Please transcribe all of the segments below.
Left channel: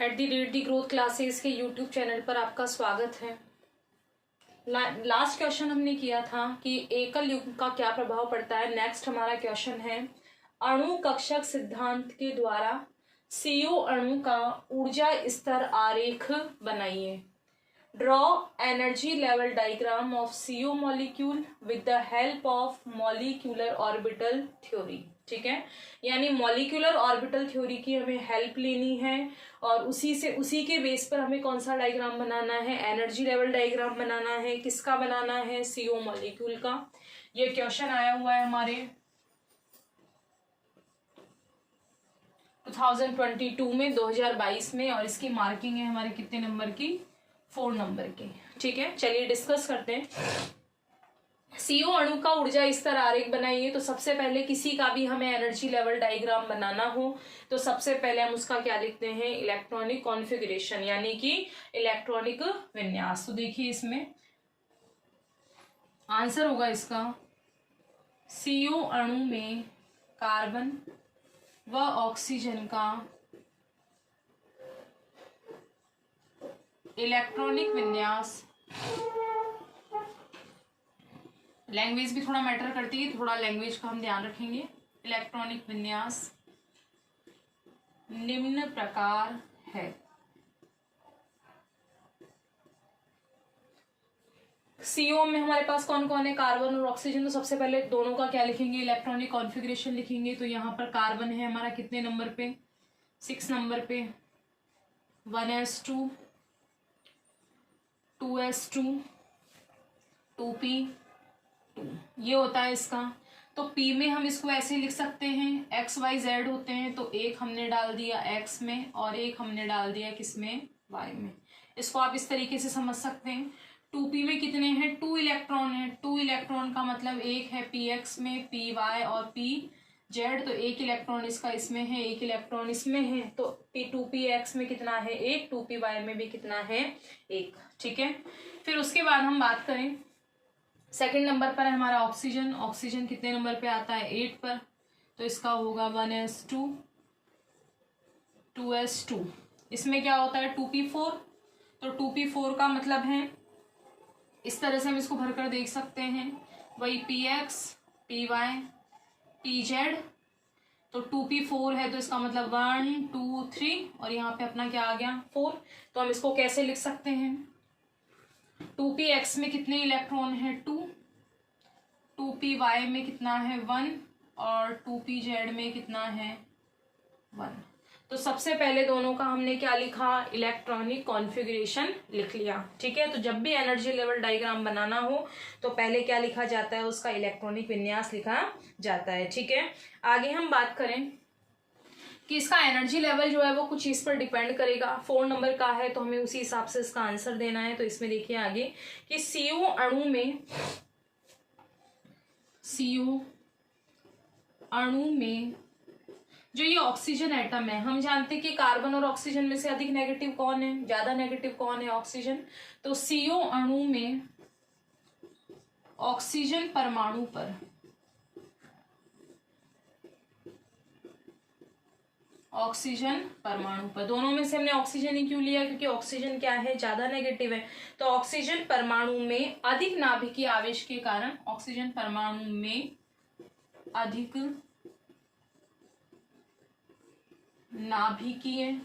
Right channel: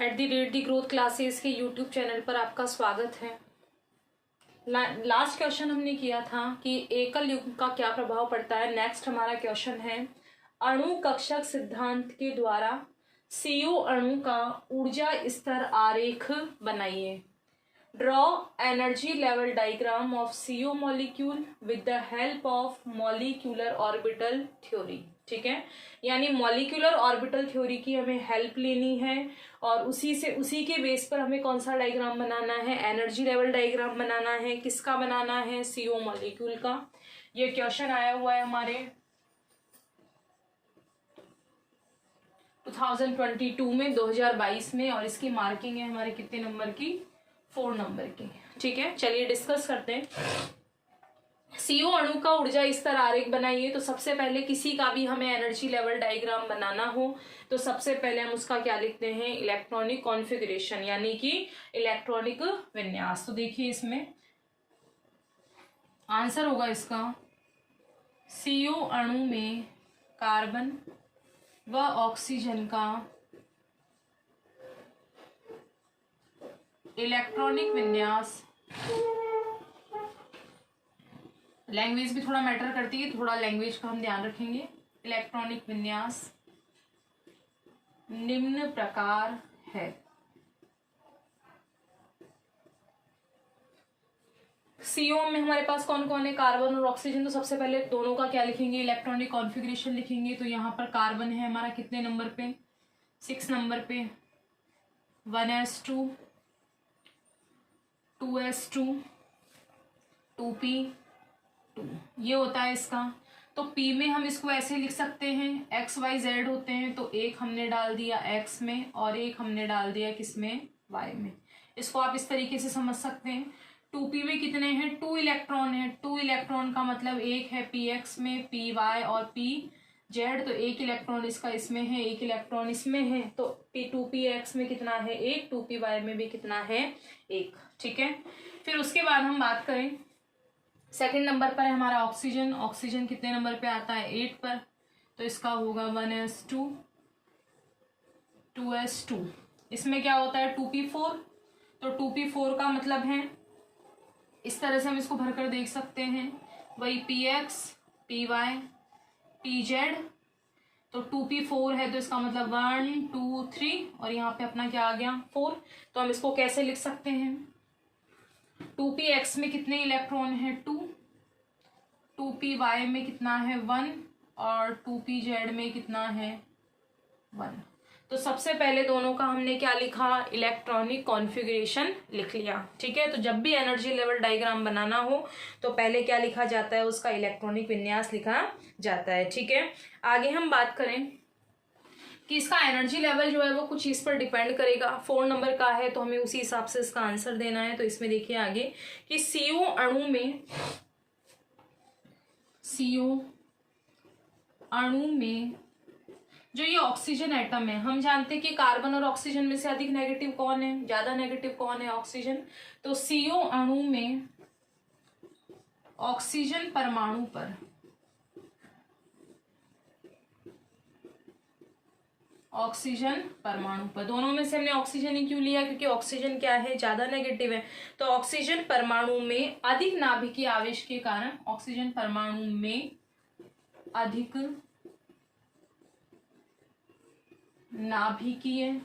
@the growth classes के YouTube channel पर आपका स्वागत है। लास्ट क्वेश्चन हमने किया था कि एकल युग्म का क्या प्रभाव पड़ता है। नेक्स्ट हमारा क्वेश्चन है, अणु कक्षक सिद्धांत के द्वारा CO अणु का ऊर्जा स्तर आरेख बनाइए। Draw energy level diagram of CO molecule with the help of molecular orbital theory. ठीक है, यानी मॉलिक्यूलर ऑर्बिटल थ्योरी की हमें हेल्प लेनी है और उसी के बेस पर हमें कौन सा डायग्राम बनाना है, एनर्जी लेवल डायग्राम बनाना है। किसका बनाना है? CO मॉलिक्यूल का। ये क्वेश्चन आया हुआ है हमारे 2022 में, 2022 में, और इसकी मार्किंग है हमारे कितने नंबर की? 4 नंबर की। ठीक है, चलिए डिस्कस करते हैं। CO अणु का ऊर्जा स्तर आरेख बनाइए। तो सबसे पहले किसी का भी हमें एनर्जी लेवल डायग्राम बनाना हो तो सबसे पहले हम उसका क्या लिखते हैं? इलेक्ट्रॉनिक कॉन्फ़िगरेशन, यानी कि इलेक्ट्रॉनिक विन्यास। तो देखिए इसमें आंसर होगा इसका, CO अणु में कार्बन व ऑक्सीजन का इलेक्ट्रॉनिक विन्यास। लैंग्वेज भी थोड़ा मैटर करती है, थोड़ा लैंग्वेज का हम ध्यान रखेंगे। इलेक्ट्रॉनिक विन्यास निम्न प्रकार है। CO में हमारे पास कौन कौन है? कार्बन और ऑक्सीजन। तो सबसे पहले दोनों का क्या लिखेंगे? इलेक्ट्रॉनिक कॉन्फ़िगरेशन लिखेंगे। तो यहाँ पर कार्बन है हमारा कितने नंबर पे? 6 नंबर पे। 1s2 2s2 2p, ये होता है इसका। तो P में हम इसको ऐसे लिख सकते हैं, XYZ होते हैं, तो एक हमने डाल दिया X में और एक हमने डाल दिया किसमें? Y में। इसको आप इस तरीके से समझ सकते हैं। 2P में कितने हैं? 2 इलेक्ट्रॉन है। 2 इलेक्ट्रॉन का मतलब एक है PX में, PY और PZ। तो एक इलेक्ट्रॉन इसका इसमें है, एक इलेक्ट्रॉन इसमें है। तो 2PX में कितना है? 1। 2PY में भी कितना है? 1। ठीक है, फिर उसके बाद हम बात करें, सेकंड नंबर पर है हमारा ऑक्सीजन। ऑक्सीजन कितने नंबर पे आता है? 8 पर। तो इसका होगा 1s2 2s2। इसमें क्या होता है? 2p4। तो 2p4 का मतलब है, इस तरह से हम इसको भरकर देख सकते हैं, वही px py pz। तो 2p4 है तो इसका मतलब 1 2 3 और यहाँ पे अपना क्या आ गया? 4। तो हम इसको कैसे लिख सकते हैं? 2px में कितने इलेक्ट्रॉन है? 2। 2py में कितना है? 1 और 2pz में कितना है? 1। तो सबसे पहले दोनों का हमने क्या लिखा? इलेक्ट्रॉनिक कॉन्फ़िगरेशन लिख लिया। ठीक है, तो जब भी एनर्जी लेवल डायग्राम बनाना हो तो पहले क्या लिखा जाता है? उसका इलेक्ट्रॉनिक विन्यास लिखा जाता है। ठीक है, आगे हम बात करें कि इसका एनर्जी लेवल जो है वो कुछ चीज पर डिपेंड करेगा। 4 नंबर का है तो हमें उसी हिसाब से इसका आंसर देना है। तो इसमें देखिए आगे कि CO अणु में जो ये ऑक्सीजन एटम है, हम जानते हैं कि कार्बन और ऑक्सीजन में से अधिक नेगेटिव कौन है? ज्यादा नेगेटिव कौन है? ऑक्सीजन। तो CO अणु में ऑक्सीजन परमाणु पर दोनों में से हमने ऑक्सीजन ही क्यों लिया? क्योंकि ऑक्सीजन क्या है? ज्यादा नेगेटिव है। तो ऑक्सीजन परमाणु में अधिक नाभिकीय आवेश के कारण, ऑक्सीजन परमाणु में अधिक नाभिकीय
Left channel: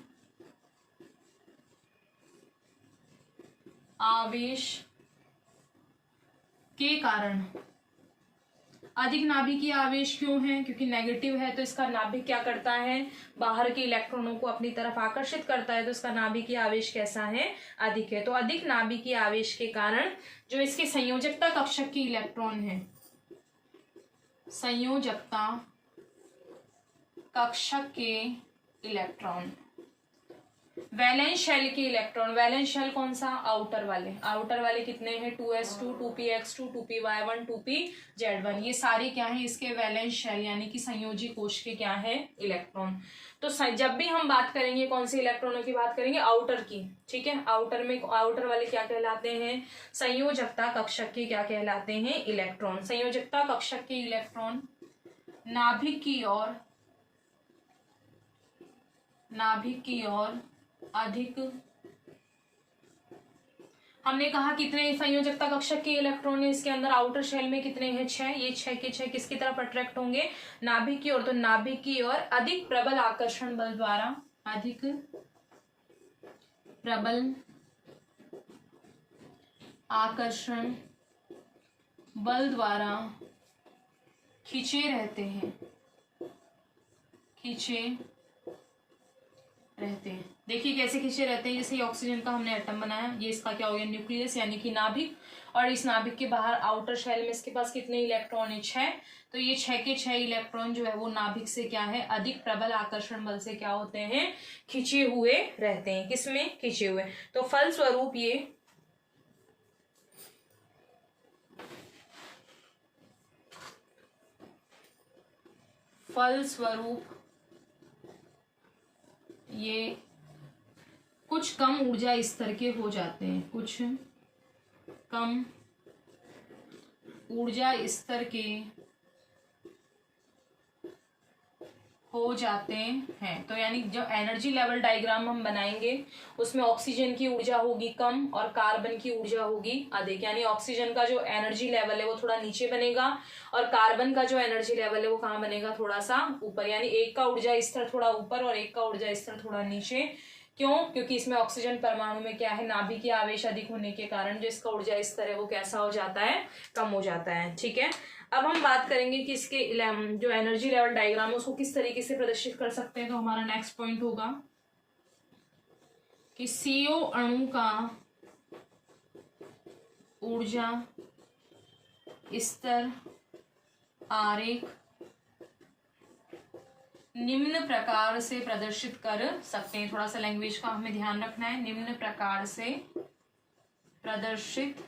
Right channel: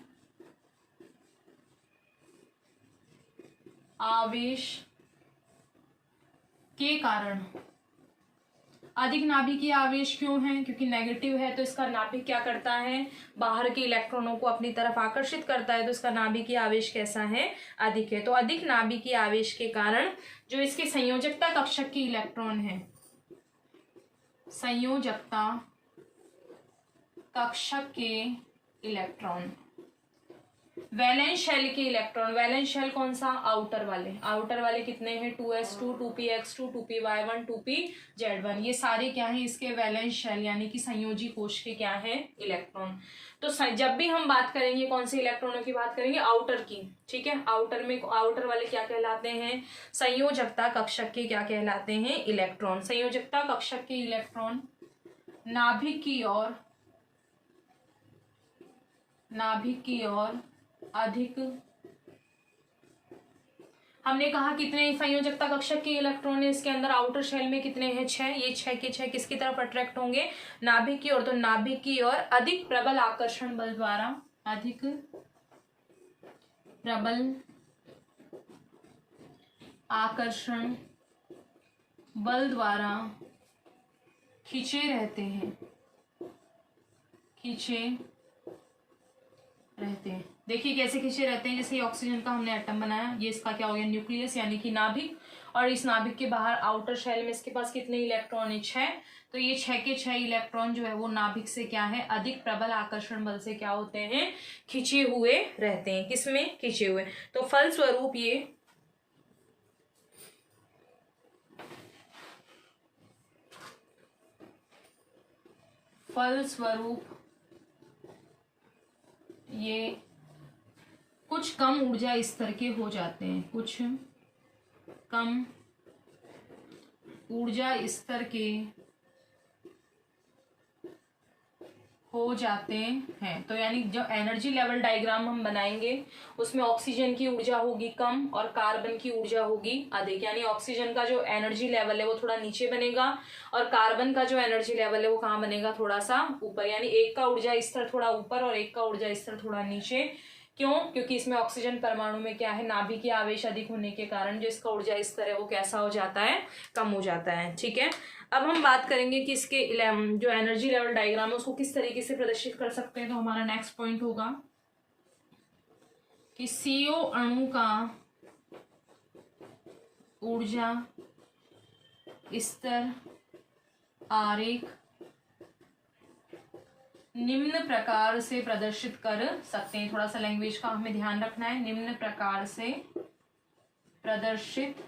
आवेश के कारण, अधिक नाभिकीय आवेश क्यों है? क्योंकि नेगेटिव है तो इसका नाभिक क्या करता है? बाहर के इलेक्ट्रॉनों को अपनी तरफ आकर्षित करता है। तो इसका नाभिकीय आवेश कैसा है? अधिक है। तो अधिक नाभिकीय आवेश के कारण जो इसकी संयोजकता कक्षक की इलेक्ट्रॉन है, संयोजकता कक्षक के इलेक्ट्रॉन, वैलेंस शेल के इलेक्ट्रॉन, वैलेंस शेल कौन सा? आउटर वाले कितने हैं? 2s2 2px2 2py1 2pz1। ये सारे क्या है? इसके वैलेंस शेल यानी कि संयोजी कोश के क्या है? इलेक्ट्रॉन। तो जब भी हम बात करेंगे कौन से इलेक्ट्रॉनों की बात करेंगे? आउटर की। ठीक है, आउटर वाले क्या कहलाते हैं? संयोजकता कक्षक के क्या कहलाते हैं? इलेक्ट्रॉन। संयोजकता कक्षक के इलेक्ट्रॉन नाभिक की ओर अधिक। हमने कहा कितने संयोजकता कक्षक के इलेक्ट्रॉन है इसके अंदर, आउटर शेल में कितने हैं 6, ये 6 के 6 किसकी तरफ अट्रैक्ट होंगे, नाभिक की ओर। तो नाभिक की ओर अधिक प्रबल आकर्षण बल द्वारा, अधिक प्रबल आकर्षण बल द्वारा खींचे रहते हैं, खींचे रहते हैं। देखिए कैसे खींचे रहते हैं, जैसे ऑक्सीजन का हमने एटम बनाया, ये इसका क्या हो गया न्यूक्लियस यानी कि नाभिक, और इस नाभिक के बाहर आउटर शेल में इसके पास कितने इलेक्ट्रॉन है 6। तो ये 6 के 6 इलेक्ट्रॉन जो है वो नाभिक से क्या है, अधिक प्रबल आकर्षण बल से क्या होते हैं, खींचे हुए रहते हैं। किसमें, खींचे हुए। तो फलस्वरूप ये कुछ कम ऊर्जा स्तर के हो जाते हैं, कुछ कम ऊर्जा स्तर के हो जाते हैं। तो यानी जो एनर्जी लेवल डायग्राम हम बनाएंगे उसमें ऑक्सीजन की ऊर्जा होगी कम और कार्बन की ऊर्जा होगी अधिक। यानी ऑक्सीजन का जो एनर्जी लेवल है वो थोड़ा नीचे बनेगा और कार्बन का जो एनर्जी लेवल है वो कहाँ बनेगा, थोड़ा सा ऊपर। यानी एक का ऊर्जा स्तर थोड़ा ऊपर और एक का ऊर्जा स्तर थोड़ा नीचे। क्यों, क्योंकि इसमें ऑक्सीजन परमाणु में क्या है, नाभिकीय आवेश अधिक होने के कारण जो इसका ऊर्जा स्तर है वो कैसा हो जाता है, कम हो जाता है। ठीक है, अब हम बात करेंगे कि इसके जो एनर्जी लेवल डायग्राम है उसको किस तरीके से प्रदर्शित कर सकते हैं। तो हमारा नेक्स्ट पॉइंट होगा कि CO अणु का ऊर्जा स्तर आरेख निम्न प्रकार से प्रदर्शित कर सकते हैं। थोड़ा सा लैंग्वेज का हमें ध्यान रखना है। निम्न प्रकार से प्रदर्शित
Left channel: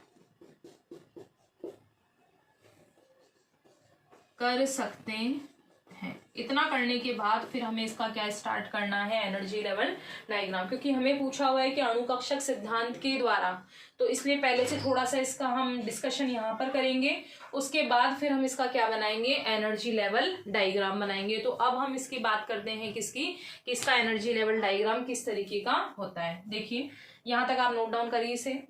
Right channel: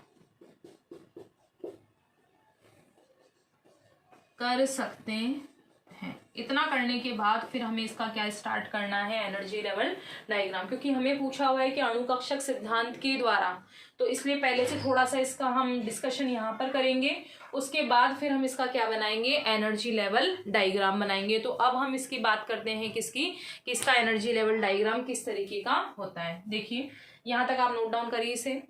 कर सकते हैं। इतना करने के बाद फिर हमें इसका क्या स्टार्ट करना है, एनर्जी लेवल डायग्राम। क्योंकि हमें पूछा हुआ है कि अणुकक्षक सिद्धांत के द्वारा, तो इसलिए पहले से थोड़ा सा इसका हम डिस्कशन यहाँ पर करेंगे, उसके बाद फिर हम इसका क्या बनाएंगे, एनर्जी लेवल डायग्राम बनाएंगे। तो अब हम इसकी बात करते हैं किसकी, कि इसका एनर्जी लेवल डायग्राम किस तरीके का होता है। देखिए यहाँ तक आप नोट डाउन करिए इसे,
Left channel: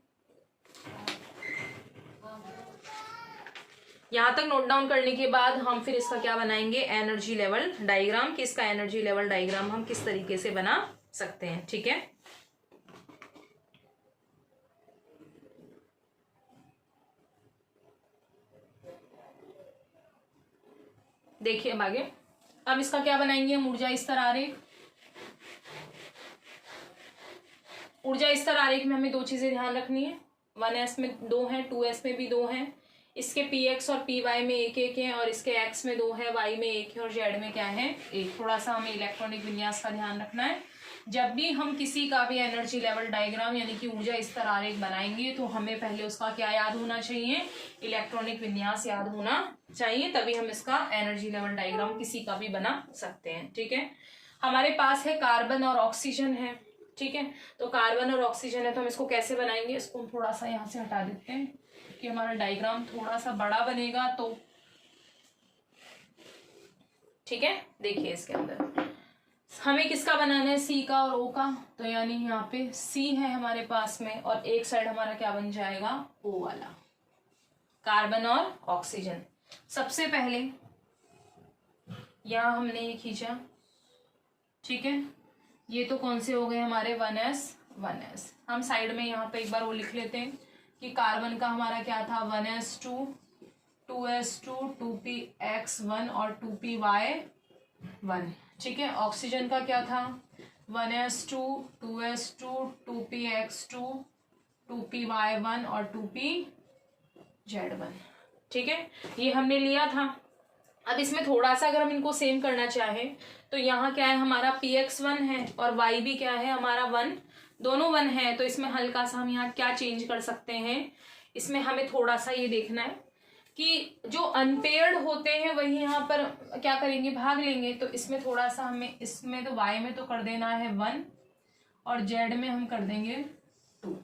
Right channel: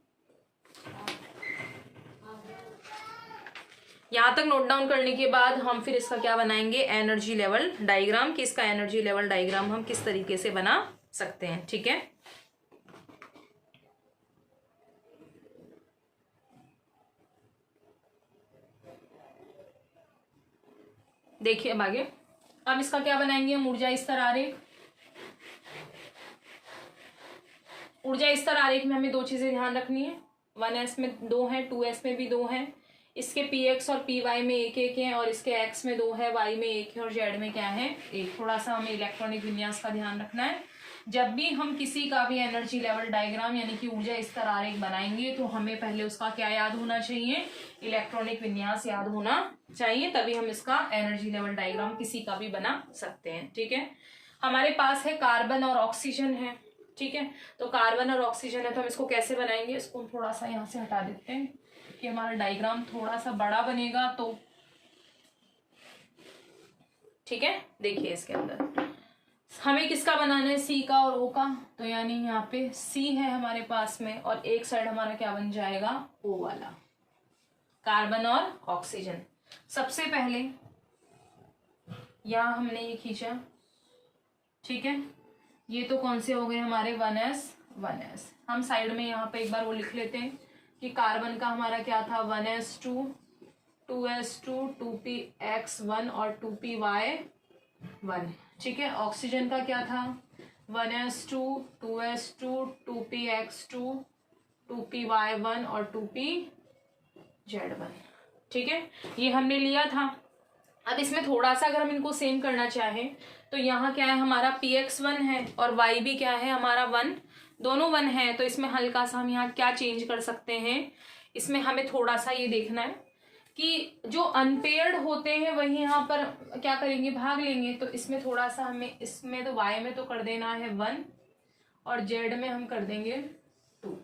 यहाँ तक नोट डाउन करने के बाद हम फिर इसका क्या बनाएंगे, एनर्जी लेवल डायग्राम। कि इसका एनर्जी लेवल डायग्राम हम किस तरीके से बना सकते हैं। ठीक है, देखिए अब आगे, अब इसका क्या बनाएंगे हम, ऊर्जा स्तर आरेख। ऊर्जा स्तर आरेख में हमें दो चीजें ध्यान रखनी है, 1s में 2 है, 2s में भी 2 है। इसके px और py में एक एक है और इसके x में 2 है, y में 1 है और z में क्या है, 1। थोड़ा सा हमें इलेक्ट्रॉनिक विन्यास का ध्यान रखना है। जब भी हम किसी का भी एनर्जी लेवल डायग्राम यानी कि ऊर्जा स्तर आरेख बनाएंगे तो हमें पहले उसका क्या याद होना चाहिए, इलेक्ट्रॉनिक विन्यास याद होना चाहिए, तभी हम इसका एनर्जी लेवल डायग्राम किसी का भी बना सकते हैं। ठीक है, हमारे पास है कार्बन और ऑक्सीजन है। ठीक है, तो कार्बन और ऑक्सीजन है तो हम इसको कैसे बनाएंगे, इसको हम थोड़ा सा यहाँ से हटा देते हैं कि हमारा डायग्राम थोड़ा सा बड़ा बनेगा। तो ठीक है, देखिए इसके अंदर हमें किसका बनाना है, सी का और ओ का। तो यानी यहाँ पे सी है हमारे पास में और एक साइड हमारा क्या बन जाएगा, ओ वाला, कार्बन और ऑक्सीजन। सबसे पहले यहाँ हमने ये खींचा। ठीक है, ये तो कौन से हो गए हमारे 1s। हम साइड में यहाँ पे एक बार वो लिख लेते हैं कि कार्बन का हमारा क्या था, 1s2, 2s2, 2px1 और 2py1। ठीक है, ऑक्सीजन का क्या था, 1s2, 2s2, 2px2, 2py1 और 2pz1। ठीक है, ये हमने लिया था। अब इसमें थोड़ा सा अगर हम इनको सेम करना चाहें तो यहाँ क्या है हमारा px1 है और y भी क्या है हमारा 1, दोनों 1 है। तो इसमें हल्का सा हम यहाँ क्या चेंज कर सकते हैं, इसमें हमें थोड़ा सा ये देखना है कि जो अनपेयर्ड होते हैं वही यहाँ पर क्या करेंगे, भाग लेंगे। तो इसमें थोड़ा सा हमें, इसमें तो y में तो कर देना है 1 और z में हम कर देंगे 2।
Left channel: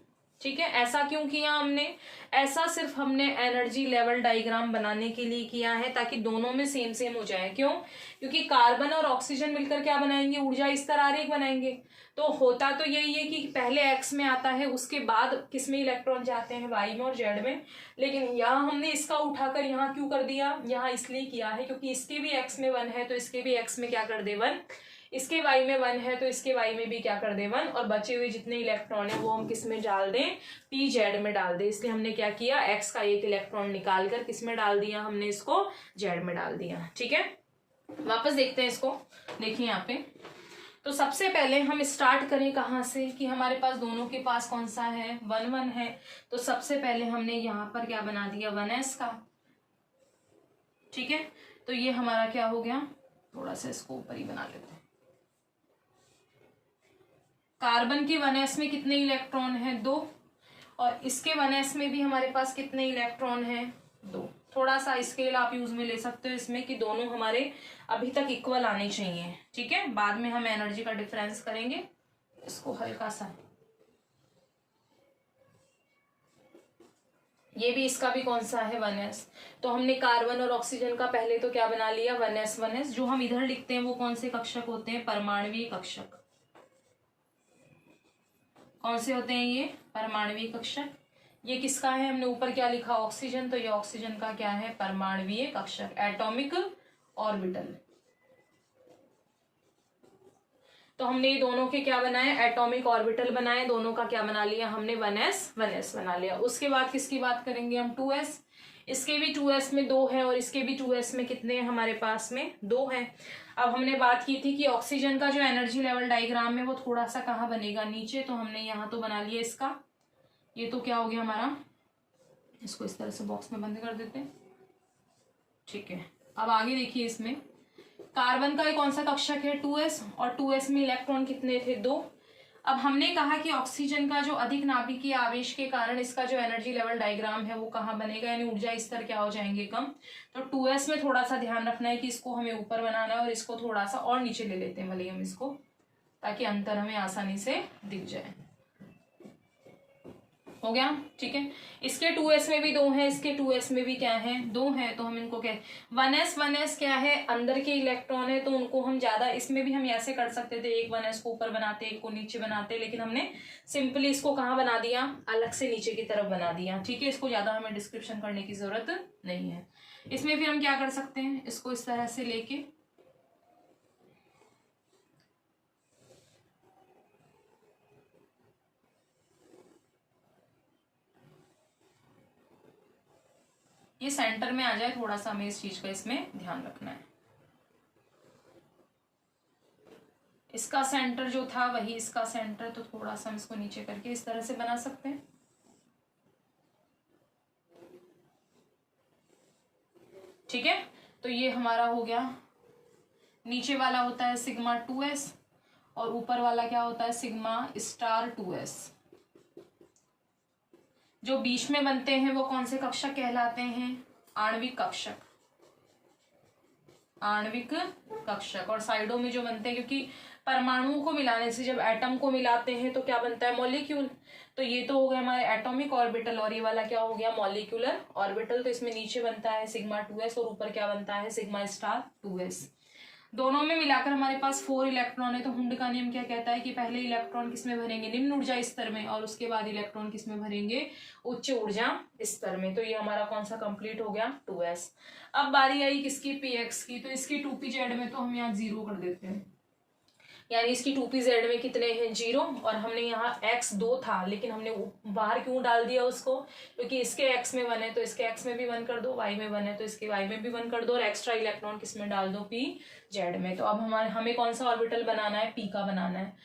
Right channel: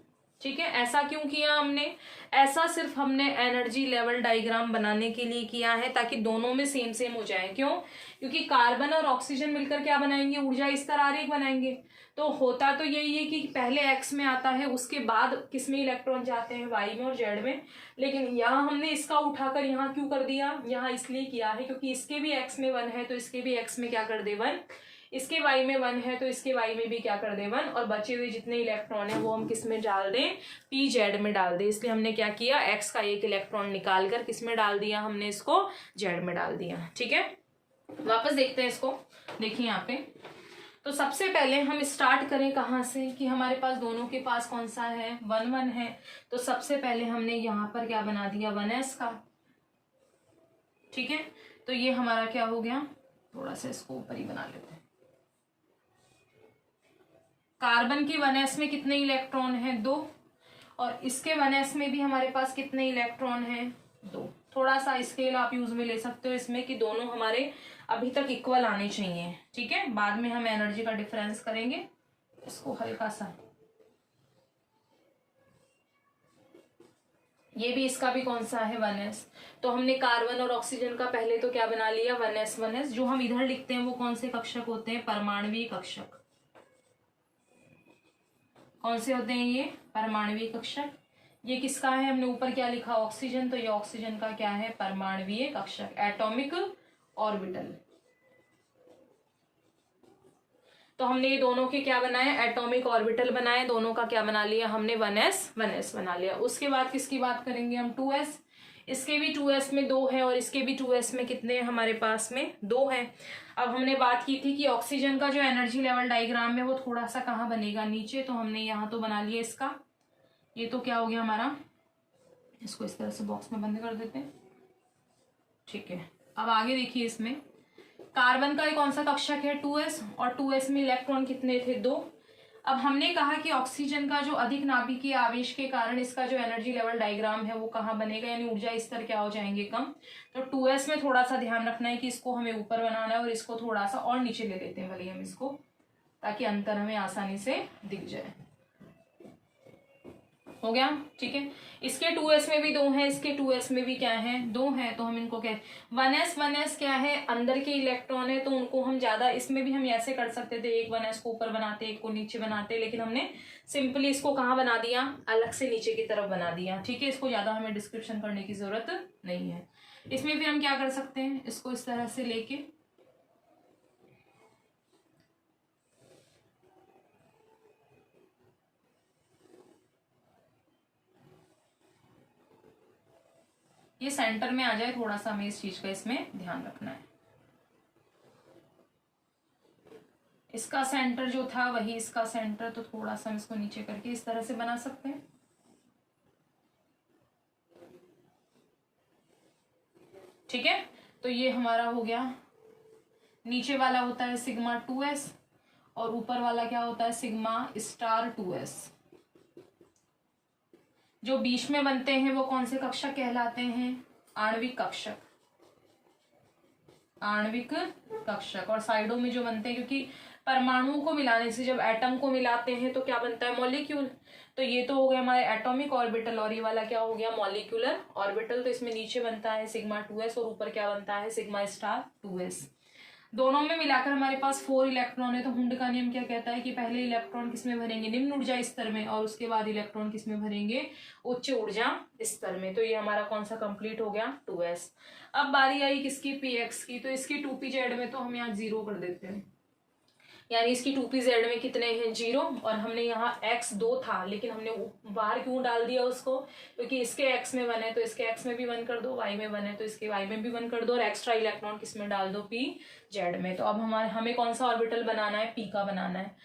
ठीक है। ऐसा क्यों किया हमने? ऐसा सिर्फ हमने एनर्जी लेवल डायग्राम बनाने के लिए किया है ताकि दोनों में सेम सेम हो जाए। क्यों? क्योंकि कार्बन और ऑक्सीजन मिलकर क्या बनाएंगे? ऊर्जा स्तर आरेख बनाएंगे। तो होता तो यही है कि पहले एक्स में आता है, उसके बाद किस में इलेक्ट्रॉन जाते हैं? वाई में और जेड में। लेकिन यहाँ हमने इसका उठाकर यहाँ क्यों कर दिया? यहाँ इसलिए किया है क्योंकि इसके भी एक्स में 1 है तो इसके भी एक्स में क्या कर दे 1, इसके वाई में 1 है तो इसके वाई में भी क्या कर दे 1, और बचे हुए जितने इलेक्ट्रॉन है वो हम किस में डाल दें? पी जेड में डाल दें। इसलिए हमने क्या किया? एक्स का एक इलेक्ट्रॉन निकाल कर किस में डाल दिया? हमने इसको जेड में डाल दिया। ठीक है, वापस देखते हैं इसको। देखिए यहाँ पे, तो सबसे पहले हम स्टार्ट करें कहाँ से कि हमारे पास दोनों के पास कौन सा है? 1 1 है। तो सबसे पहले हमने यहाँ पर क्या बना दिया? 1s का। ठीक है, तो ये हमारा क्या हो गया? थोड़ा सा इसको ऊपर ही बना लेते हैं। कार्बन के 1s में कितने इलेक्ट्रॉन है? 2। और इसके 1s में भी हमारे पास कितने इलेक्ट्रॉन है? 2। थोड़ा सा स्केल आप यूज में ले सकते हो इसमें कि दोनों हमारे अभी तक इक्वल आने चाहिए। ठीक है, बाद में हम एनर्जी का डिफरेंस करेंगे। इसको हल्का सा, ये भी इसका भी कौन सा है? 1s। तो हमने कार्बन और ऑक्सीजन का पहले तो क्या बना लिया? 1s 1s। जो हम इधर लिखते हैं वो कौन से कक्षक होते हैं? परमाणुवीय कक्षक। कौन से होते हैं ये? परमाणुवीय कक्षक। ये किसका है? हमने ऊपर क्या लिखा? ऑक्सीजन। तो ये ऑक्सीजन का क्या है? परमाणुवीय कक्षक, एटॉमिक ऑर्बिटल। तो हमने ये दोनों के क्या बनाए? एटॉमिक ऑर्बिटल बनाए। दोनों का क्या बना लिया हमने? 1s 1s बना लिया। उसके बाद किसकी बात करेंगे हम? 2s। इसके भी 2s में 2 है और इसके भी 2s में कितने हैं हमारे पास में? 2 है। अब हमने बात की थी कि ऑक्सीजन का जो एनर्जी लेवल डायग्राम है वो थोड़ा सा कहाँ बनेगा? नीचे। तो हमने यहाँ तो बना लिया इसका। ये तो क्या हो गया हमारा? इसको इस तरह से बॉक्स में बंद कर देते हैं। ठीक है, अब आगे देखिए, इसमें कार्बन का कौन सा कक्षक है? 2s। और 2s में इलेक्ट्रॉन कितने थे? 2। अब हमने कहा कि ऑक्सीजन का जो अधिक नाभिकीय आवेश के कारण इसका जो एनर्जी लेवल डायग्राम है वो कहाँ बनेगा? यानी ऊर्जा स्तर क्या हो जाएंगे? कम। तो 2s में थोड़ा सा ध्यान रखना है कि इसको हमें ऊपर बनाना है और इसको थोड़ा सा और नीचे ले लेते हैं भले हम इसको, ताकि अंतर हमें आसानी से दिख जाए। हो गया? ठीक है, इसके 2s में भी 2 है, इसके 2s में भी क्या है? 2 है। तो हम इनको क्या, 1s 1s क्या है? अंदर के इलेक्ट्रॉन है, तो उनको हम ज्यादा, इसमें भी हम ऐसे कर सकते थे, एक 1s को ऊपर बनाते, एक को नीचे बनाते, लेकिन हमने सिंपली इसको कहाँ बना दिया? अलग से नीचे की तरफ बना दिया। ठीक है, इसको ज्यादा हमें डिस्क्रिप्शन करने की जरूरत नहीं है। इसमें भी हम क्या कर सकते हैं? इसको इस तरह से लेके ये सेंटर में आ जाए, थोड़ा सा हमें इस चीज का इसमें ध्यान रखना है। इसका सेंटर जो था वही इसका सेंटर, तो थोड़ा सा हम इसको नीचे करके इस तरह से बना सकते हैं। ठीक है, तो ये हमारा हो गया। नीचे वाला होता है सिग्मा 2s और ऊपर वाला क्या होता है? Sigma star 2s। जो बीच में बनते हैं वो कौन से कक्षक कहलाते हैं? आणविक कक्षक। आणविक कक्षक। और साइडों में जो बनते हैं, क्योंकि परमाणुओं को मिलाने से जब एटम को मिलाते हैं तो क्या बनता है? मॉलिक्यूल। तो ये तो हो गया हमारे एटॉमिक ऑर्बिटल और ये वाला क्या हो गया? Molecular orbital. तो इसमें नीचे बनता है सिग्मा 2s और ऊपर क्या बनता है? Sigma star 2s। दोनों में मिलाकर हमारे पास 4 इलेक्ट्रॉन है। तो हुंड का नियम क्या कहता है कि पहले इलेक्ट्रॉन किसमें भरेंगे? निम्न ऊर्जा स्तर में, और उसके बाद इलेक्ट्रॉन किसमें भरेंगे? उच्च ऊर्जा स्तर में। तो ये हमारा कौन सा कंप्लीट हो गया? 2s। अब बारी आई किसकी? px की। तो इसकी 2pz में तो हम यहाँ 0 कर देते हैं, यानी इसकी 2pz में कितने हैं? 0। और हमने यहाँ x 2 था, लेकिन हमने बाहर क्यों डाल दिया उसको? क्योंकि इसके x में 1 है तो इसके x में भी 1 कर दो, y में 1 है तो इसके y में भी 1 कर दो, और एक्स्ट्रा इलेक्ट्रॉन किस में डाल दो? pz में। तो अब हमें कौन सा ऑर्बिटल बनाना है? p का बनाना है।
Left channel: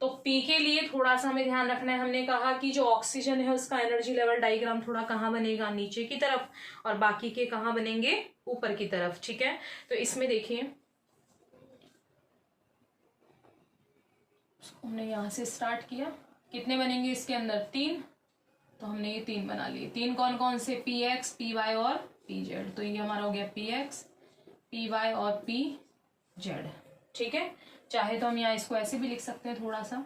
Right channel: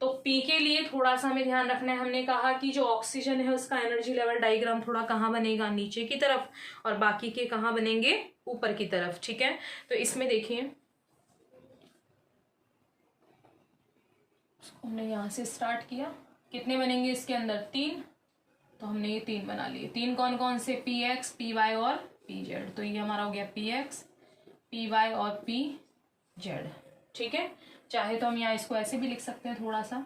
तो p के लिए थोड़ा सा हमें ध्यान रखना है। हमने कहा कि जो ऑक्सीजन है उसका एनर्जी लेवल डायग्राम थोड़ा कहाँ बनेगा? नीचे की तरफ, और बाकी के कहाँ बनेंगे? ऊपर की तरफ। ठीक है, तो इसमें देखिए हमने यहाँ से स्टार्ट किया, कितने बनेंगे इसके अंदर? 3। तो हमने ये 3 बना लिए। 3 कौन कौन से? px, py और pz। तो ये हमारा हो गया px, py और pz। ठीक है, चाहे तो हम यहाँ इसको ऐसे भी लिख सकते हैं, थोड़ा सा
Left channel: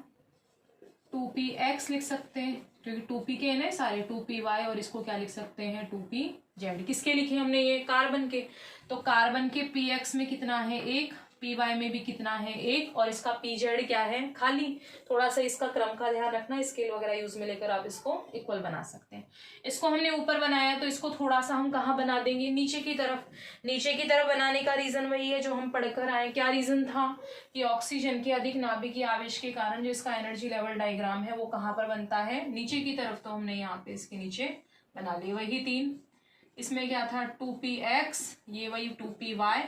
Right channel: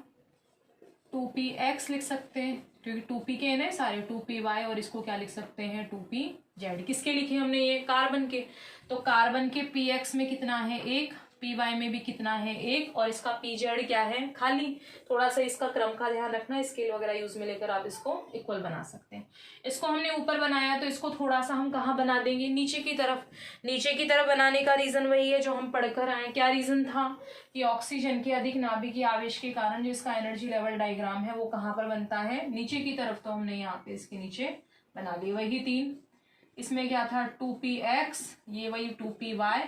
2px लिख सकते हैं, क्योंकि 2p के ना सारे 2py, और इसको क्या लिख सकते हैं 2pz। किसके लिखे हमने ये, कार्बन के। तो कार्बन के px में कितना है 1, py में भी कितना है 1, और इसका pz क्या है खाली। थोड़ा सा इसका क्रम का ध्यान रखना, स्केल वगैरह यूज में लेकर आप इसको इक्वल बना सकते हैं। इसको हमने ऊपर बनाया तो इसको थोड़ा सा हम कहाँ बना देंगे, नीचे की तरफ। नीचे की तरफ बनाने का रीजन वही है जो हम पढ़कर आए। क्या रीजन था कि ऑक्सीजन के अधिक नाभिकीय आवेश के कारण जो इसका एनर्जी लेवल डायग्राम है वो कहाँ पर बनता है, नीचे की तरफ। तो हमने यहाँ पे इसके नीचे बना ली वही 3। इसमें क्या था 2px, ये वही 2py,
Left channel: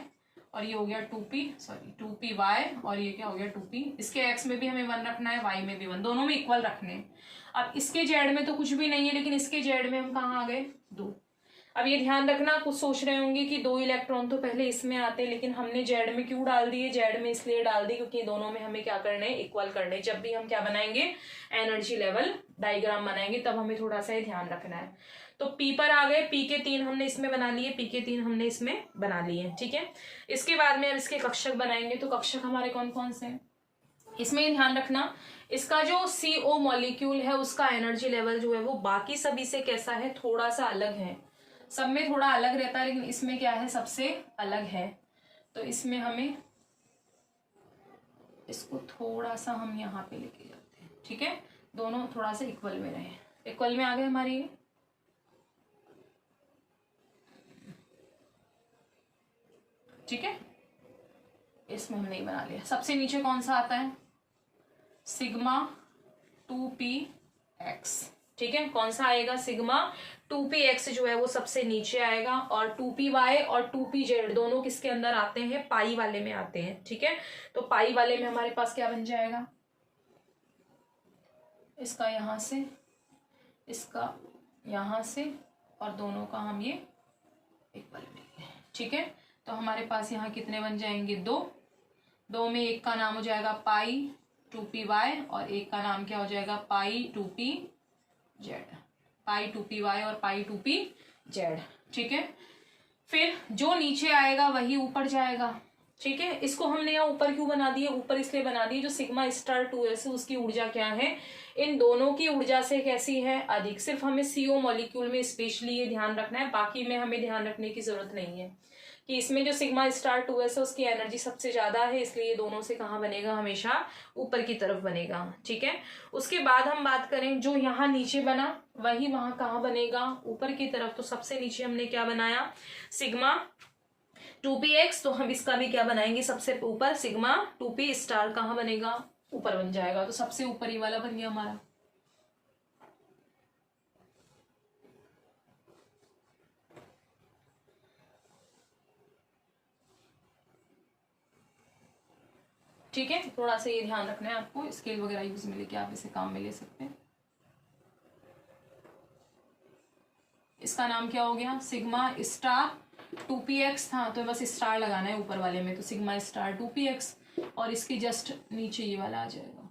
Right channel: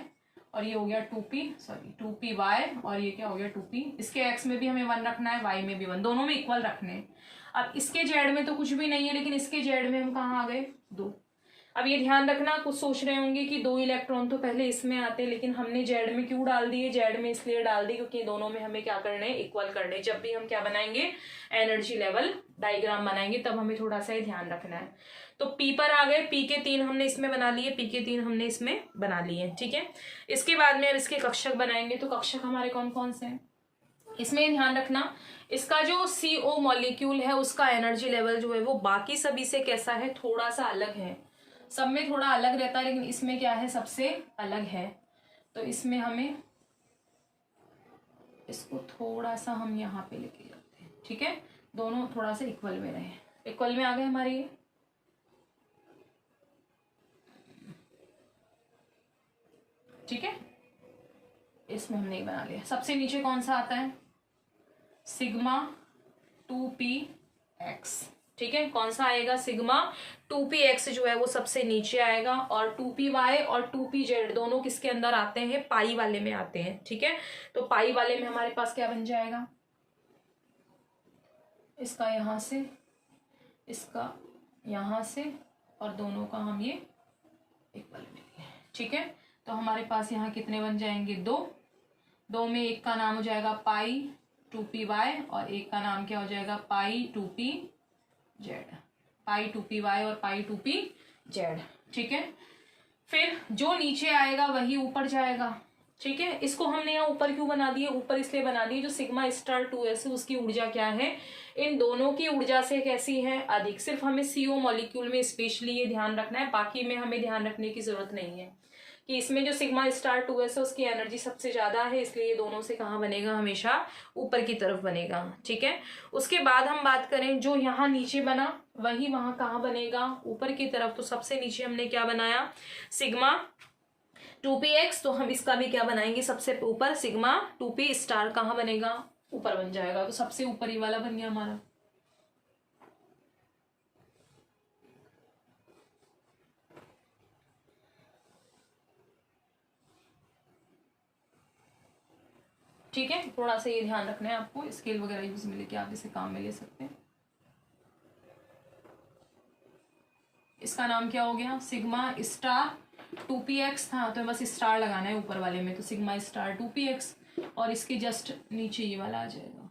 और ये हो गया 2py, और ये क्या हो गया 2p। इसके x में भी हमें 1 रखना है, y में भी 1, दोनों में इक्वल रखने हैं। अब इसके z में तो कुछ भी नहीं है, लेकिन इसके z में हम कहाँ आ गए 2। अब ये ध्यान रखना, कुछ सोच रहे होंगे कि 2 इलेक्ट्रॉन तो पहले इसमें आते, लेकिन हमने z में क्यों डाल दिए, z में इसलिए डाल दी क्योंकि दोनों में हमें क्या करने हैं, इक्वल करने। जब भी हम क्या बनाएंगे, एनर्जी लेवल डायग्राम बनाएंगे, तब हमें थोड़ा सा ध्यान रखना है। तो P पर आ गए, P के 3 हमने इसमें बना लिए, P के 3 हमने इसमें बना लिए, ठीक है। इसके बाद में अब इसके कक्षक बनाएंगे। तो कक्षक हमारे कौन कौन से हैं, इसमें ध्यान रखना, इसका जो CO मॉलिक्यूल है उसका एनर्जी लेवल जो है वो बाकी सभी से कैसा है, थोड़ा सा अलग है। सब में थोड़ा अलग रहता है, लेकिन इसमें क्या है, सबसे अलग है। तो इसमें हमें इसको थोड़ा सा हम यहाँ पे लेके जाते हैं, ठीक है। दोनों थोड़ा सा इक्वल में रहे, इक्वल में आ गए हमारे ये, ठीक है। इसमें हमने बना लिया। सबसे नीचे कौन सा आता है, सिग्मा 2px, ठीक है। कौन सा आएगा, सिग्मा 2px जो है वो सबसे नीचे आएगा, और 2py और 2pz दोनों किसके अंदर आते हैं, पाई वाले में आते हैं, ठीक है। तो पाई वाले में हमारे पास क्या बन जाएगा, इसका यहाँ से, इसका यहाँ से, और दोनों का हम ये इक्वल लेंगे, ठीक है। तो हमारे पास यहाँ कितने बन जाएंगे, 2 में एक का नाम हो जाएगा पाई 2py, और एक का नाम क्या हो जाएगा, पाई 2pz, पाई 2py और पाई 2pz, ठीक है। फिर जो नीचे आएगा वही ऊपर जाएगा, ठीक है। इसको हमने यहाँ ऊपर क्यों बना दिए, ऊपर इसलिए बना दिए जो सिग्मा स्टार 2s है उसकी ऊर्जा क्या है, इन दोनों की ऊर्जा से कैसी है, अधिक। सिर्फ हमें CO मॉलिक्यूल में स्पेशली ये ध्यान रखना है, बाकी में हमें ध्यान रखने की जरूरत नहीं है कि इसमें जो सिग्मा स्टार 2s है उसकी एनर्जी सबसे ज्यादा है, इसलिए ये दोनों से कहाँ बनेगा, हमेशा ऊपर की तरफ बनेगा, ठीक है। उसके बाद हम बात करें जो यहाँ नीचे बना वही वहां कहाँ बनेगा, ऊपर की तरफ। तो सबसे नीचे हमने क्या बनाया, सिग्मा 2px, तो हम इसका भी क्या बनाएंगे, सबसे ऊपर सिग्मा 2p स्टार कहाँ बनेगा, ऊपर बन जाएगा। तो सबसे ऊपर ही वाला बन गया हमारा, ठीक है। थोड़ा सा ये ध्यान रखना है आपको, स्केल वगैरह यूज में लेके आप इसे काम में ले सकते हैं। इसका नाम क्या हो गया, सिग्मा स्टार 2px था, तो बस स्टार लगाना है ऊपर वाले में, तो सिग्मा स्टार 2px, और इसके जस्ट नीचे ये वाला आ जाएगा,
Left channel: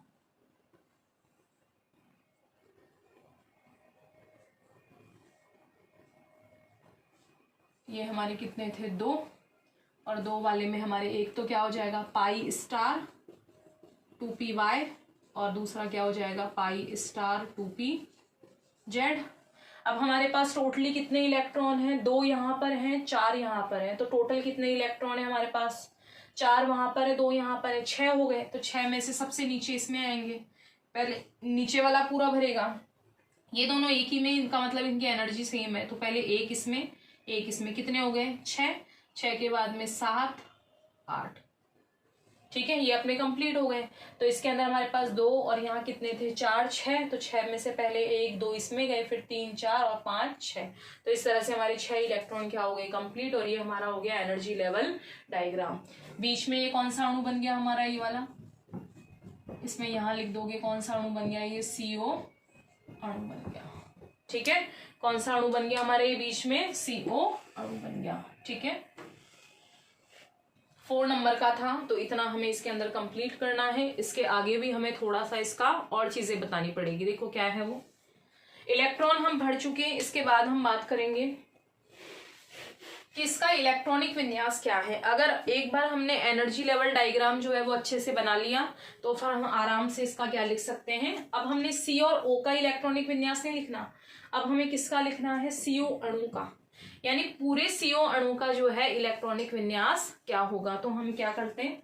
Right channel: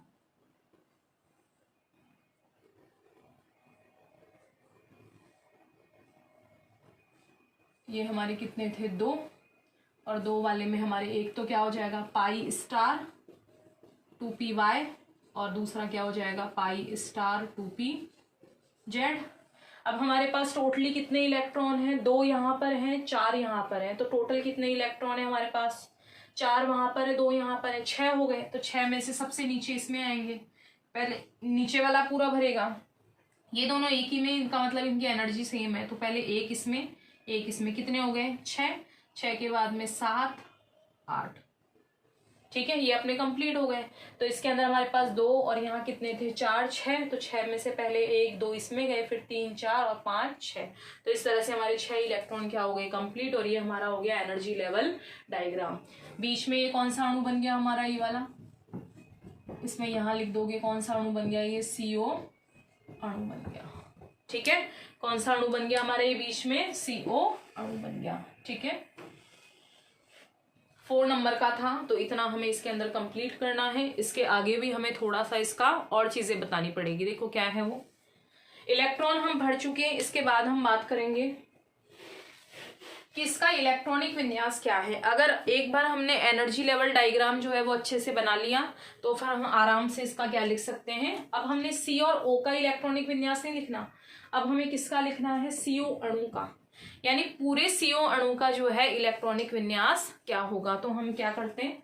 ये हमारे कितने थे 2, और 2 वाले में हमारे एक तो क्या हो जाएगा पाई स्टार 2py, और दूसरा क्या हो जाएगा पाई स्टार 2pz। अब हमारे पास टोटली कितने इलेक्ट्रॉन हैं, 2 यहाँ पर हैं, 4 यहाँ पर हैं। तो टोटल कितने इलेक्ट्रॉन है हमारे पास, 4 वहां पर है, 2 यहाँ पर है, 6 हो गए। तो 6 में से सबसे नीचे इसमें आएंगे, पहले नीचे वाला पूरा भरेगा। ये दोनों एक ही में, इनका मतलब इनकी एनर्जी सेम है। तो पहले एक इसमें कितने हो गए 6 के बाद में 7 8, ठीक है। ये अपने कंप्लीट हो गए। तो इसके अंदर हमारे पास 2 और यहाँ कितने थे 4 6, तो 6 में से पहले 1 2 इसमें गए, फिर 3 4 और 5 6। तो इस तरह से हमारे 6 इलेक्ट्रॉन क्या हो गए कंप्लीट, और ये हमारा हो गया एनर्जी लेवल डायग्राम। बीच में ये कौन सा अणु बन गया हमारा, ये वाला, इसमें यहाँ लिख दोगे कौन सा अणु बन गया, ये CO अणु बन गया, ठीक है। कौन सा अणु बन गया हमारे ये बीच में, CO अणु बन गया, ठीक है। 4 नंबर का था, तो इतना हमें इसके अंदर कंप्लीट करना है। इसके आगे भी हमें थोड़ा सा इसका और चीजें बतानी पड़ेगी। देखो क्या है वो, इलेक्ट्रॉन हम भर चुके हैं। इसके बाद हम बात करेंगे कि इसका इलेक्ट्रॉनिक विन्यास क्या है। अगर एक बार हमने एनर्जी लेवल डायग्राम जो है वो अच्छे से बना लिया तो फिर हम आराम से इसका क्या लिख सकते हैं। अब हमने सी और ओ का इलेक्ट्रॉनिक विन्यास नहीं लिखना, अब हमें किसका लिखना है, सीओ अणु का, यानी पूरे सीओ अणु का जो है इलेक्ट्रॉनिक विन्यास क्या होगा। तो हम क्या करते हैं,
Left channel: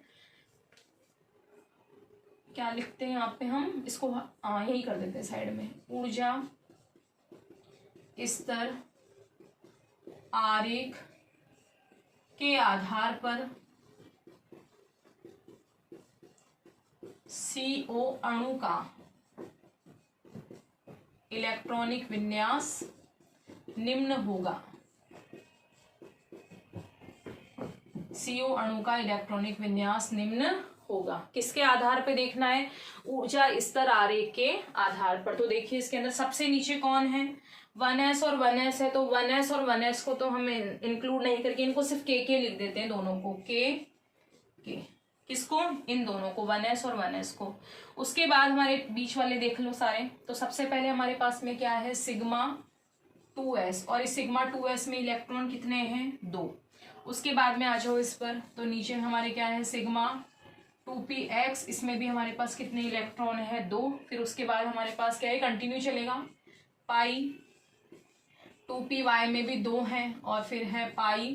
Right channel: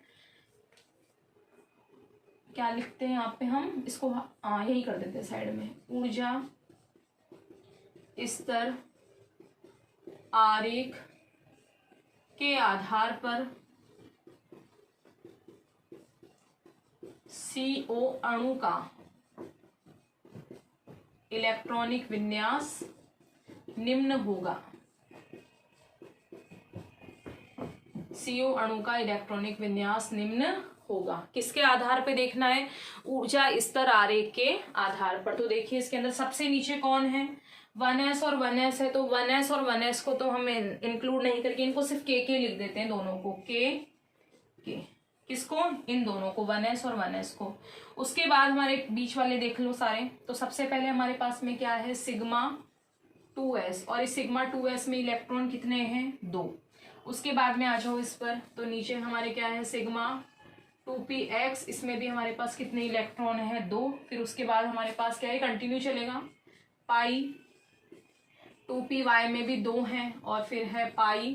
क्या लिखते हैं यहाँ पे, हम इसको यही कर देते हैं साइड में, ऊर्जा स्तर आरेख के आधार पर सीओ अणु का इलेक्ट्रॉनिक विन्यास निम्न होगा। सीओ अणु का इलेक्ट्रॉनिक विन्यास निम्न होगा। किसके आधार पे देखना है, ऊर्जा स्तर आरेख के आधार पर। तो देखिए इसके अंदर सबसे नीचे कौन है, 1s और 1s है, तो 1s और 1s को तो हम इंक्लूड नहीं करके इनको सिर्फ के लिख देते हैं, दोनों को के। किसको, इन दोनों को, 1s और 1s को। उसके बाद हमारे बीच वाले देख लो सारे। तो सबसे पहले हमारे पास में क्या है, सिग्मा 2s, और इस सिग्मा 2s में इलेक्ट्रॉन कितने हैं, 2। उसके बाद में आ जाओ इस पर, तो नीचे हमारे क्या है, सिग्मा 2px, इसमें भी हमारे पास कितने इलेक्ट्रॉन है, 2। फिर उसके बाद हमारे पास क्या है, कंटिन्यू चलेगा, पाई 2py में भी 2 हैं, और फिर है पाई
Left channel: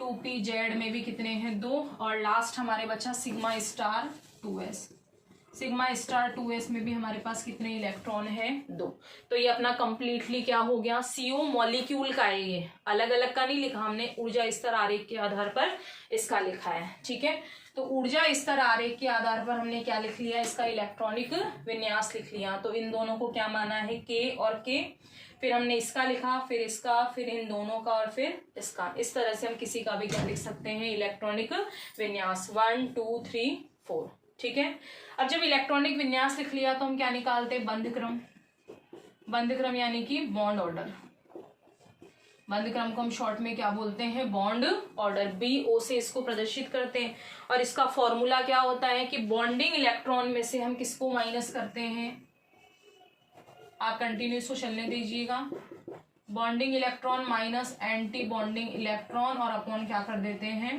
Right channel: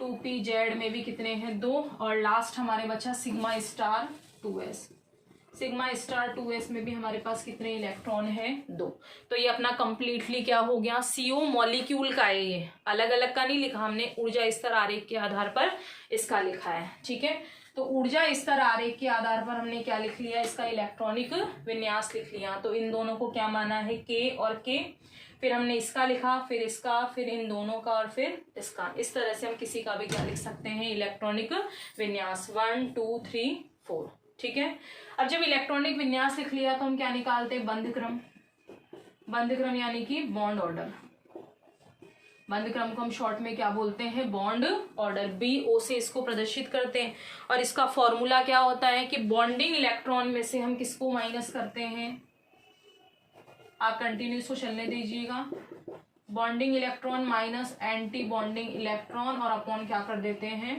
2pz में भी कितने हैं, 2। और लास्ट हमारे बचा sigma star 2s। Sigma star 2s में भी हमारे पास कितने इलेक्ट्रॉन है, 2। तो ये अपना कंप्लीटली क्या हो गया, सीओ मॉलिक्यूल का है, ये अलग अलग का नहीं लिखा हमने, ऊर्जा स्तर आरेख के आधार पर इसका लिखा है। ठीक है, तो ऊर्जा स्तर आरेख के आधार पर हमने क्या लिख लिया, इसका इलेक्ट्रॉनिक विन्यास लिख लिया। तो इन दोनों को क्या माना है, के और के, फिर हमने इसका लिखा, फिर इसका, फिर इन दोनों का, और फिर इसका। इस तरह से हम किसी का भी क्या लिख सकते हैं, इलेक्ट्रॉनिक विन्यास 1 2 3 4। ठीक है, अब जब इलेक्ट्रॉनिक विन्यास लिख लिया तो हम क्या निकालते हैं, बंध क्रम। बंध क्रम यानी कि बॉन्ड ऑर्डर। बंध क्रम को हम शॉर्ट में क्या बोलते हैं, बॉन्ड ऑर्डर। BO से इसको प्रदर्शित करते हैं, और इसका फॉर्मूला क्या होता है कि बॉन्डिंग इलेक्ट्रॉन में से हम किसको माइनस करते हैं, आप कंटिन्यू इसको चलने दीजिएगा, bonding electron minus anti bonding electron, और अपॉन क्या कर देते हैं,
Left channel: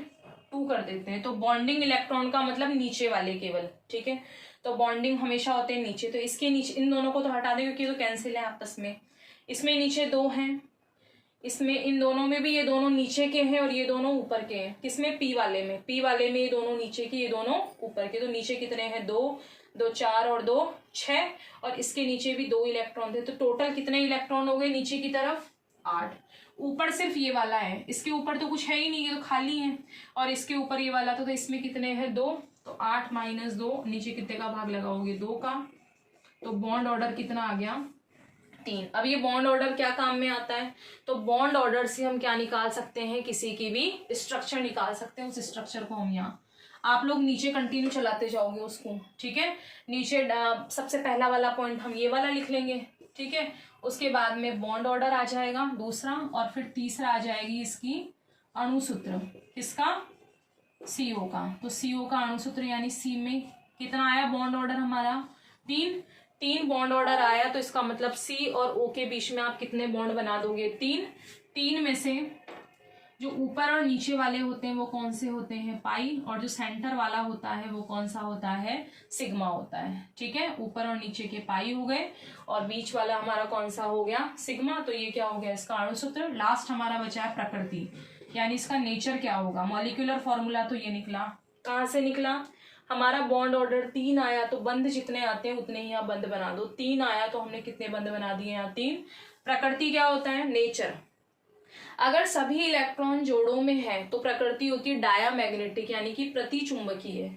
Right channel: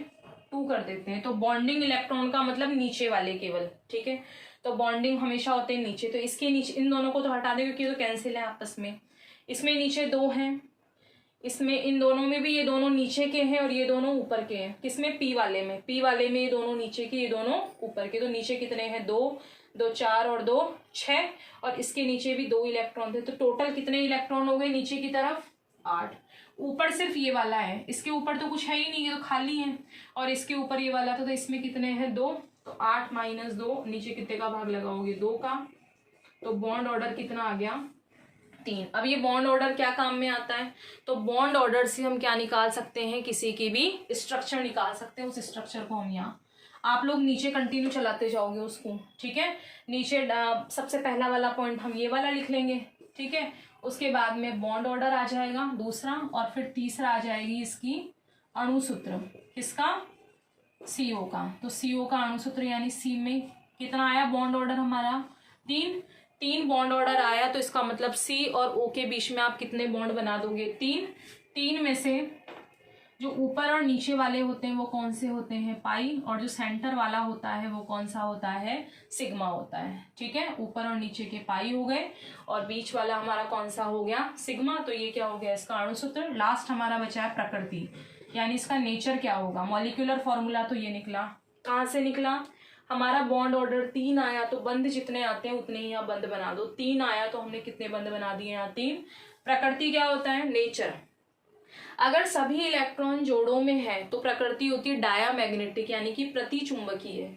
2 कर देते हैं। तो बॉन्डिंग इलेक्ट्रॉन का मतलब नीचे वाले केवल। ठीक है, तो बॉन्डिंग हमेशा होते हैं नीचे, तो इसके नीचे इन दोनों को तो हटा दें क्योंकि तो कैंसिल है आपस में। इसमें नीचे 2 हैं, इसमें इन दोनों में भी ये दोनों नीचे के हैं और ये दोनों ऊपर के हैं। किसमें, पी वाले में। पी वाले में ये दोनों नीचे के, ये दोनों ऊपर के। तो नीचे कितने हैं, 2 2 4 और 2 6, और इसके नीचे भी 2 इलेक्ट्रॉन थे। तो टोटल कितने इलेक्ट्रॉन हो गए नीचे की तरफ, 8। ऊपर सिर्फ ये वाला है, इसके ऊपर तो कुछ है ही नहीं, ये तो खाली है, और इसके ऊपर ये वाला था, तो इसमें कितने हैं, 2। तो 8 - 2, नीचे कितने का भाग लगाओगे, 2 का। तो बॉन्ड ऑर्डर कितना आ गया, 3। अब ये बॉन्ड ऑर्डर क्या काम में आता है, तो बॉन्ड ऑर्डर से हम क्या निकाल सकते हैं, किसी की भी स्ट्रक्चर निकाल सकते हैं। उस स्ट्रक्चर को हम यहाँ, आप लोग नीचे कंटिन्यू चलाते जाओगे उसको। ठीक है, नीचे सबसे पहला वाला पॉइंट हम ये वाला लिख लेंगे। ठीक है, उसके बाद में बॉन्ड ऑर्डर आ जाएगा दूसरा, और फिर तीसरा आ जाएगी इसकी अणुसूत्र, किसका, सीओ का। तो सीओ का अणुसूत्र यानी सी में कितना आया बॉन्ड ऑर्डर हमारा, 3 बॉन्ड ऑर्डर आया। तो इसका मतलब सी और ओ के बीच में आप कितने बॉन्ड बना दोगे, 3 में से जो ऊपर और नीचे वाले होते हैं वो कौन से होते हैं, पाई, और जो सेंटर वाला होता है वो कौन सा होता है, सिग्मा होता है। ठीक है, ऊपर और नीचे के पाई हो गए, और बीच वाला हमारा कौन सा हो गया, सिग्मा। तो ये क्या हो गया, इसका अणुसूत्र। लास्ट हमारा बचा है प्रकृति, यानी इसका नेचर क्या होगा। मॉलिक्यूलर फॉर्मूला तो ये निकला, कहाँ से निकला, हमारा बॉन्ड ऑर्डर 3 आया, तो बंध जितने आते हैं उतने ही यहाँ बंध बना दो। 3 आया तो हमने कितने बंध बना दिए यहाँ, 3। प्रकृति क्या होता है, नेचर। अगर सभी इलेक्ट्रॉन जोड़ों में है तो प्रकृति होती है डायामैग्नेटिक, यानी कि प्रतिचुंबकीय।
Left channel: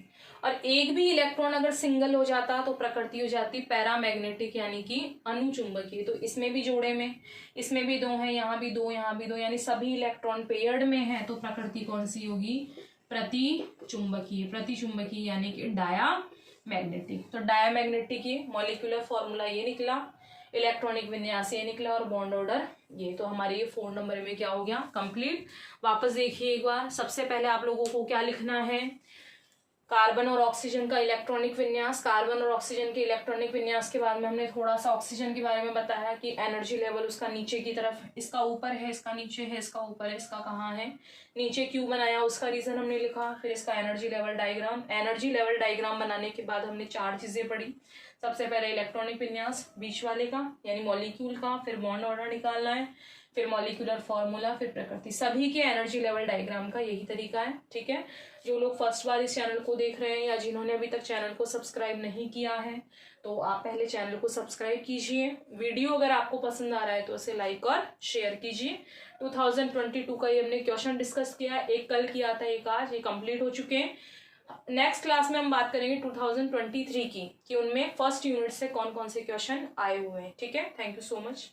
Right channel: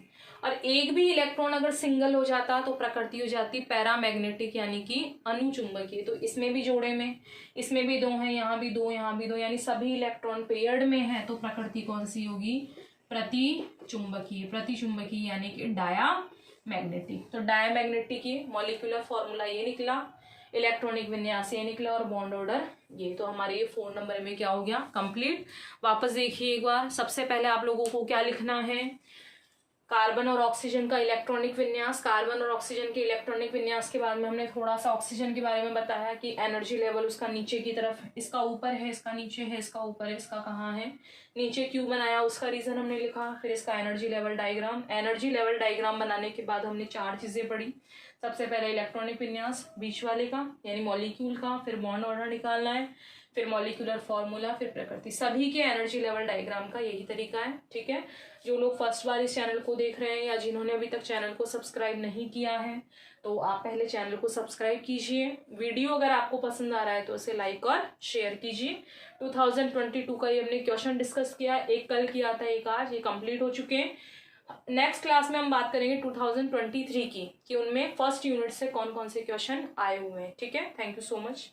और एक भी इलेक्ट्रॉन अगर सिंगल हो जाता तो प्रकृति हो जाती पैरामैग्नेटिक, यानी कि अनुचुंबकीय। तो इसमें भी जोड़े में, इसमें भी 2 हैं, यहाँ भी 2, यहाँ भी 2, यानी सभी इलेक्ट्रॉन पेयर्ड में है, तो प्रकृति कौन सी होगी, प्रतिचुंबकीय। प्रतिचुंबकीय यानी कि डायामैग्नेटिक। तो डायामैग्नेटिक ये मॉलिक्यूलर फॉर्मूला ये निकला, इलेक्ट्रॉनिक विन्यास ये निकला, और बॉन्ड ऑर्डर ये। तो हमारे ये 4 नंबर में क्या हो गया, कंप्लीट। वापस देखिए एक बार, सबसे पहले आप लोगों को क्या लिखना है, कार्बन और ऑक्सीजन का इलेक्ट्रॉनिक विन्यास, कार्बन और ऑक्सीजन के इलेक्ट्रॉनिक विन्यास के बारे में हमने थोड़ा सा ऑक्सीजन के बारे में बताया कि एनर्जी लेवल उसका नीचे की तरफ, इसका ऊपर है, इसका नीचे है, इसका ऊपर है, इसका कहाँ है, नीचे क्यों बनाया उसका रीजन हमने लिखा। फिर इसका energy level diagram, energy level diagram बनाने के बाद हमने 4 चीजें पढ़ी। सबसे पहले इलेक्ट्रॉनिक विन्यास बीच वाले का यानी मॉलिक्यूल का, फिर बॉन्ड ऑर्डर निकालना है, फिर मॉलिक्यूलर फॉर्मूला, फिर प्रकृति। सभी के एनर्जी लेवल डायग्राम का यही तरीका है, ठीक है। जो लोग फर्स्ट बार इस चैनल को देख रहे हैं या जिन्होंने अभी तक चैनल को सब्सक्राइब नहीं किया है तो आप पहले चैनल को सब्सक्राइब कीजिए। वीडियो अगर आपको पसंद आ रहा है तो इसे लाइक और शेयर कीजिए। 2022 का ये हमने क्वेश्चन डिस्कस किया, एक कल किया था, एक आज, ये कंप्लीट हो चुके हैं। नेक्स्ट क्लास में हम बात करेंगे 2023 की, कि उनमें फर्स्ट यूनिट से कौन कौन से क्वेश्चन आए हुए हैं, ठीक है। Thank you so much.